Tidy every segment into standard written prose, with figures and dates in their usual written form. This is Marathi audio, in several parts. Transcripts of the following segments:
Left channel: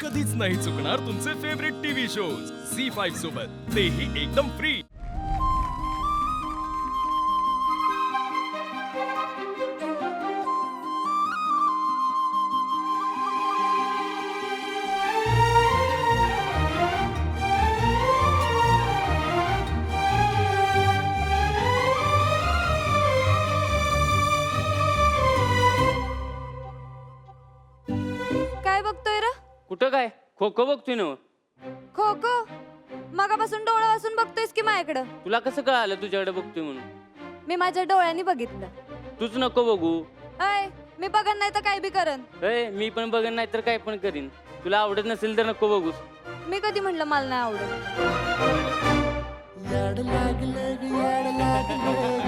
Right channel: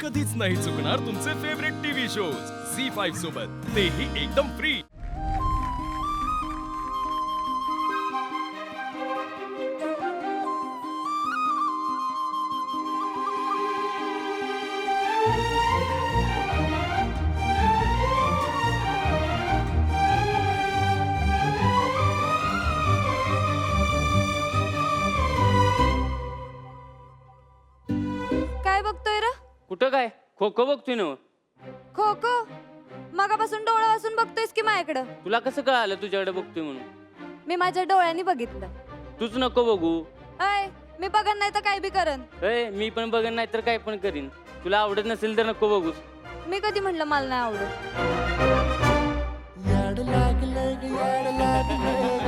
कधीच नाही चुकणार तुमचे फेवरेट टीव्ही शोज झी5 सोबत, तेही एकदम फ्री। काय बघतोय रे? कुठं काय खो खो बघतोय ना? खो खो? मगापासून डोळा वासून बघतोयस की माझ्याकडं? तुला कसं कळालं तुझ्याकडे बघतोय म्हणून? मी माझ्या डोळ्यांनी बघितलं। तूच नको बघू। अय, मी बघन नाही तर काय बी करन। मी पण बघन नाही तर काय पण करीन। तुला आवडत नसेल तर नको बघूस। मी कधी म्हणलं मला नाही आवडत? याड लागलं ग, याड लागलं ग,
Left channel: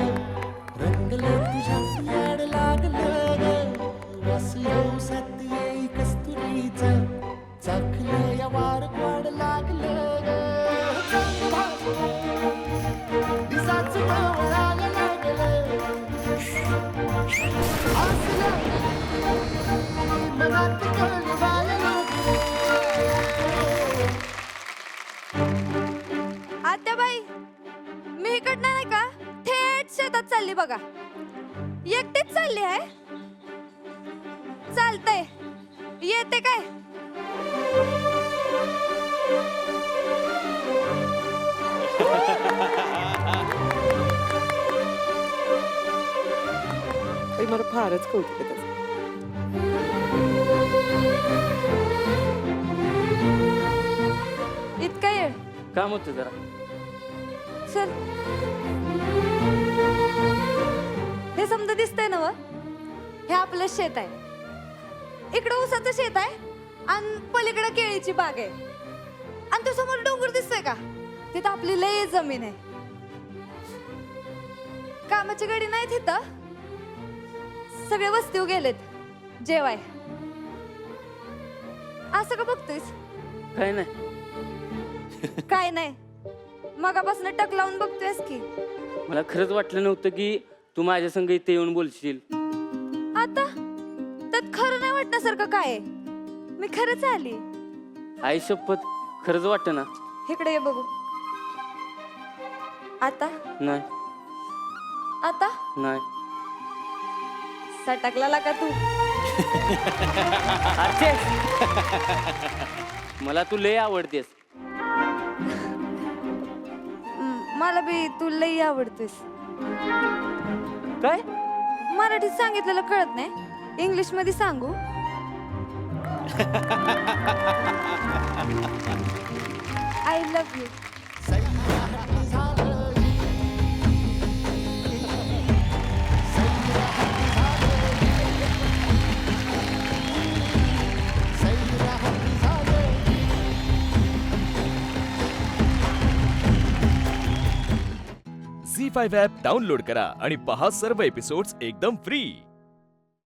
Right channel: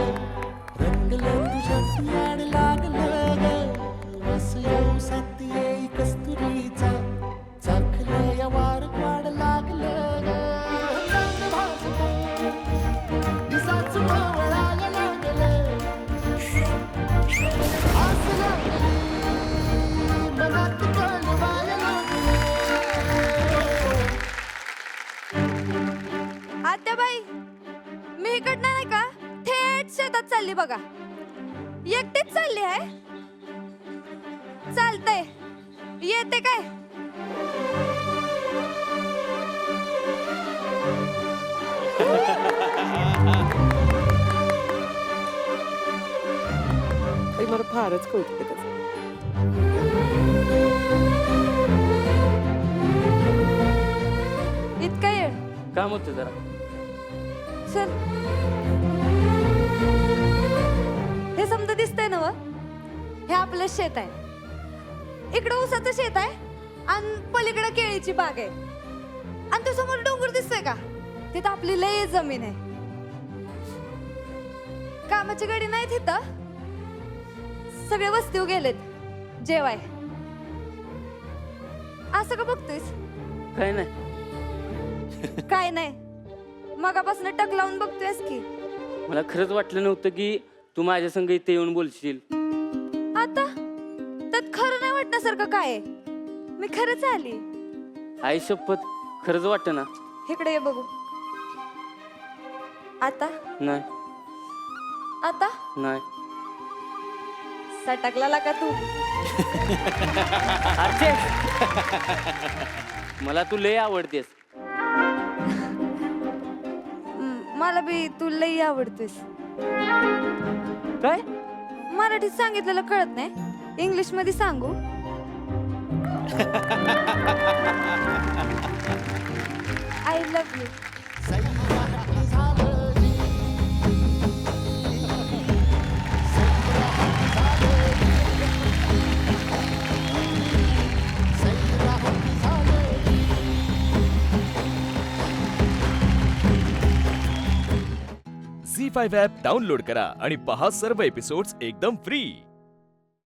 रंगलं तुझ्यात याड लागलं ग, वास येऊ साथ येई कस्तुरीचा, चाखलं या वार वाढ लागलं ग, चांग भाजलं दिसाच ढवळायला लागलं, आस लागली मनात कळवायला लागलं। आत्याबाई, मी इकडनं नाही का थेट शेतात चालली बघा। एकटीच चालली आहे? चालतंय, येते काय? मला फारच कौतुक आहे त्याचं. इतका येळ काम होतं जरा। चल, हे समजा दिसतंय ना व? हे आपलं शेत आहे, इकडं ऊसाचं शेत आहे आणि पलीकडे केळीची बाग आहे, आणि तो समोर डोंगर दिसतोय का? तिथं आपली लय जमीन आहे। कामाची गाडी नाही तिथं, सगळे वस्तीवर गेलेत जेवाय। असं का बघतोयस? काय नाही। काय नाही, मगापासून टक लावून बघतोयस की? मला खरंच वाटलं नव्हतं की तू माझ्या संग इथे येऊन बोलशील। आता त्यात खरं नाही वाटण्यासारखं काय आहे? मी खरंच आली। आई शपथ, खरंच वाटतं ना? इकडे ये बघू। आता नाही आता नाही। सटकला का तू? अर्चे, मला तू लय आवडतेस। मला बी तू लई आवडतेस। काय? मराठीत सांगितलेलं कळत नाही, इंग्लिश मध्ये सांगू? I love you. Zee five app download करा आणि पहा सर्व एपिसोड्स एकदम फ्री।